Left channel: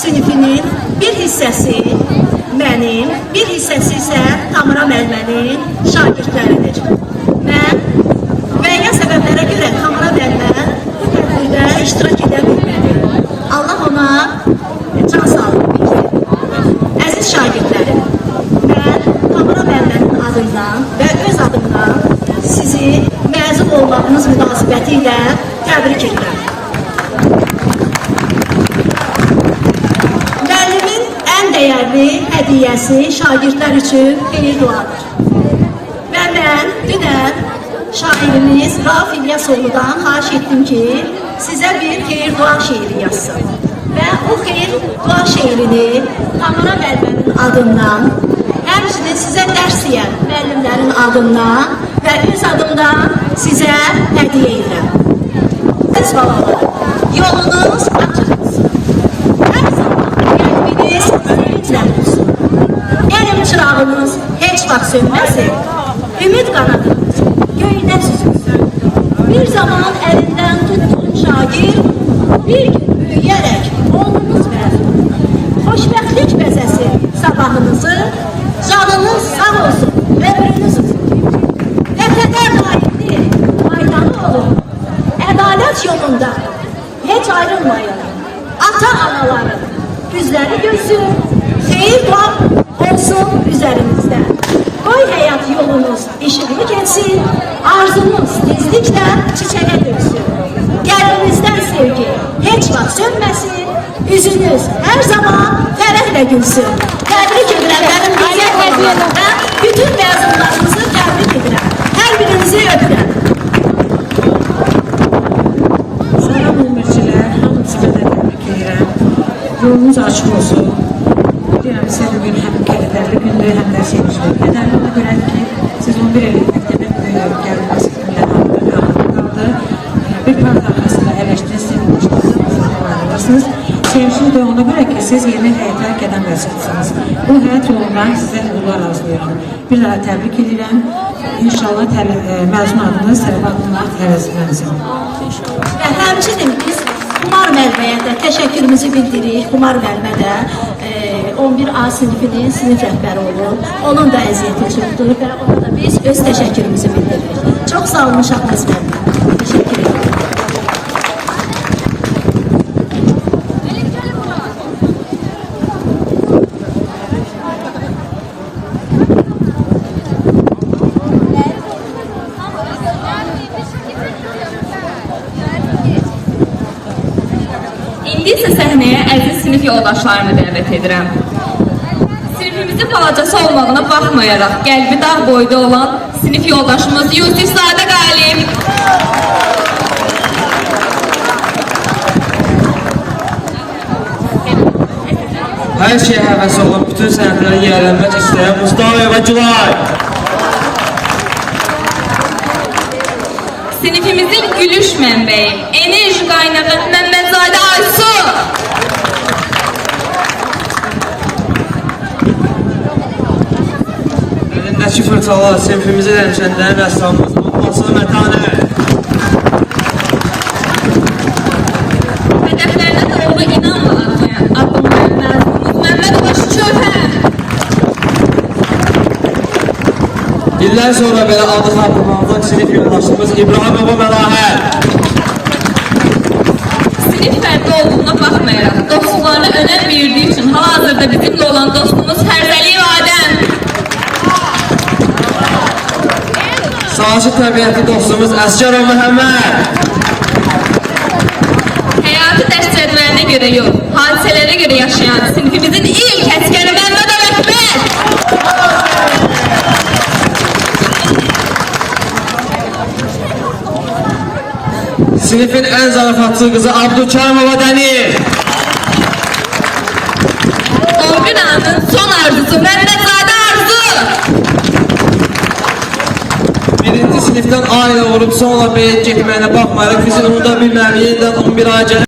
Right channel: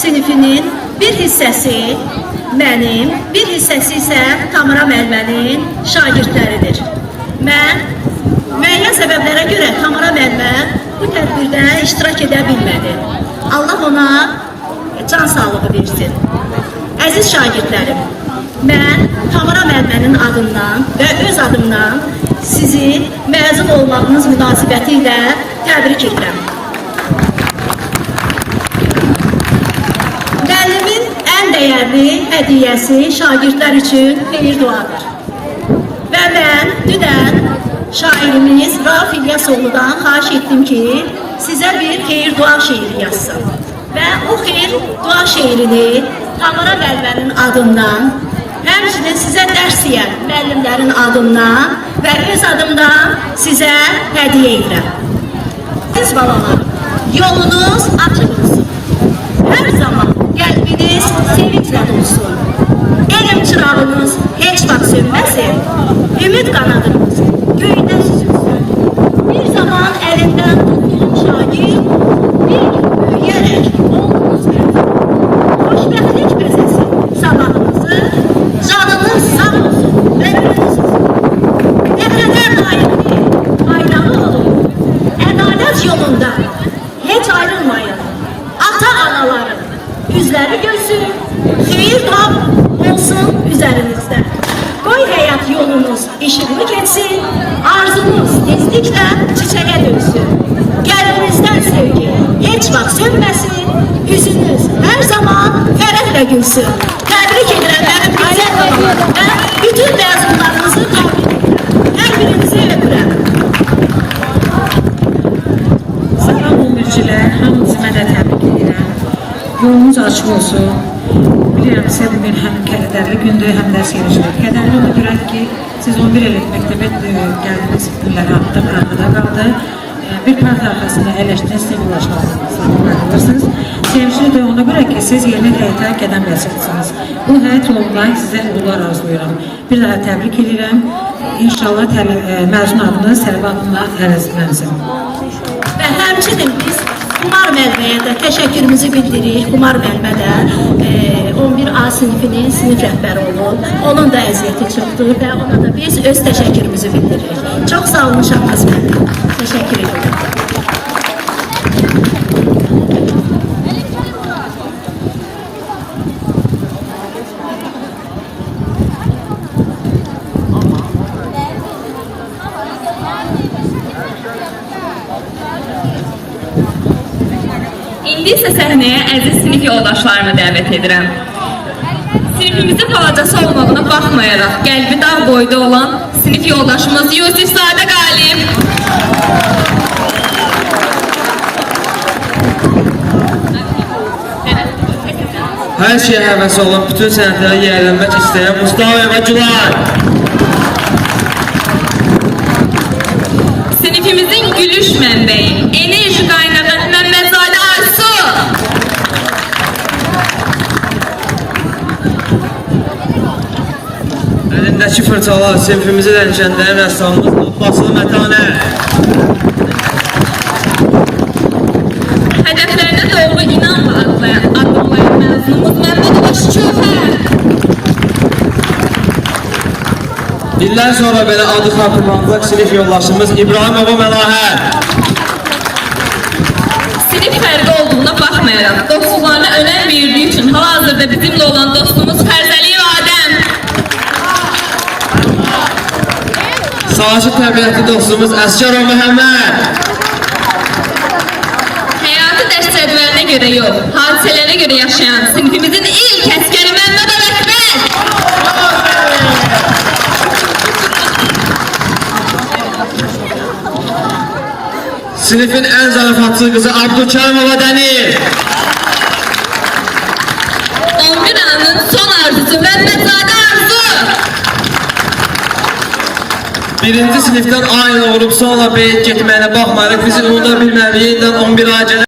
sinifinin bir hissəsi mənim, bir hissəsi isə Tamara müəllimənin şagirdləridir. Mən müəyyən səbəblərə görə Tamara müəllimə bu tədbirdə iştirak edə bilmədi. Allah ona can sağlığı versin. Əziz şagirdlərim, mən Tamara müəllimənin adından və öz adımdan sizi məzun olmağınız münasibəti ilə təbrik edirəm. Müəllimin ən dəyərli hədiyyəsi şagirdlər üçün xeyir duadır. Və mən dünən şairimiz Rauf İlyasoğlu'dan xahiş etdim ki, sizə bir xeyir dua şeiri yazsın. Və o xeyir dua şeirini Tamara müəllimənin adından, həmçinin sizə dərs deyən müəllimlərin adından və öz adımdan sizə hədiyyə edirəm. Siz balalar, yolunuz açıq olsun. Hər zaman qəlbiniz sevinclə olsun. Elm çırağınız heç vaxt sönməsin. Ümid qanadınız göydə süzülsün. Bir zaman əlindən tutduğum şagird bir gün büyüyərək oldunuz məzun. Xoşbəxtlik bəzəsi sabahınızı, canınız sağ olsun, ömrünüz uzun. Vətənə layiqli, faydalı olun. Ədalət yolunda heç ayrılmayın. Ata-anaların üzləri gülsün, xeyir dua olsun üzərinizdə. Qoy həyat yolunuz işıqlı geçsin, arzunuz tezliklə çiçəyə dönsün. Qəlbinizdən sevgi heç vaxt sönməsin, üzünüz hər zaman fərəhlə gülsün. Təbrik edirəm mənim gözəl hədiyələrə və bütün məzunlarınızı təbrik edirəm. Hər birinizi öpürəm. Salam ömürcülər, hamınızı mən də təbrik edirəm. Yolunuz açıq olsun. Bilirəm, sizə bugün həm qədərli gündür, həm də sevincli. Qədərli ona görə ki, siz 11 illik məktəbə gəldiniz, günlər hamıda qaldı. Bir part arxasında əyləşdiniz, sevinçlisiniz, ayrılırsınız. Sevincli də ona görə ki, siz yeni həyata qədəm basırsınız. Bu həyat yolunda sizə uğurlar arzulayıram. Bir daha təbrik edirəm. İnşallah məzun adınız tələbatınla əvəzlənsin. Və həmçinin biz Xumar müəlliməyə də təşəkkürümüzü bildiririk. Xumar müəllimə də 11A sinifinin sinif rəhbəri olub. Onun da əziyyəti çoxdur və ona da biz öz təşəkkürümüzü bildiririk. Çox sağ olun Şahbaz müəllim. Təşəkkür ederim. İndi isə səhnəyə əziz sinif yoldaşlarımı dəvət edirəm. Sinifimizin balacası olmağına baxmayaraq qəlbi dağ boyda olan sinif yoldaşımız Yusifzadə Qalib. Hər şeyə həvəs olub, bütün sənətlərə yiyələnmək istəyən Mustafayeva Gülay. Sinifimizin gülüş mənbəyi, enerji qaynağı Məmmədzadə Aysu. Əlindəki fırçalar sinifimizi dənişənlərin rəssamımız Basılı Mətanət. Hədəflərinə doğru inanla adımlayan məzunumuz Məmmədov Şöhər. İllər sonra belə adı xatırlanacaq sinif yoldaşımız İbrahimova Məlahət. Sinif fərqi olduğuna baxmayaraq, dostluqlarına önəm verdiyi üçün hal-hazırda bizimlə olan dostumuz Fərzəliyev Adəm. Sahası təbiəti dostumuz Əsgərov Məhəmməd. Həyatı dərs cədvəlinə görə yox, hadisələrə görə yaşayan sinifimizin ilk əskəri Məmmədov Əkməd. Sinifin ən zarafatçı qızı Abdülkərimova Dənir. 11 anın son arzusu Məmmədzadə Arzu. Birinci sinifdən aynı olub sonra beyit getməyinə baxmayaraq bizi unuda bilməyib, yeniden 11 ay gəlib.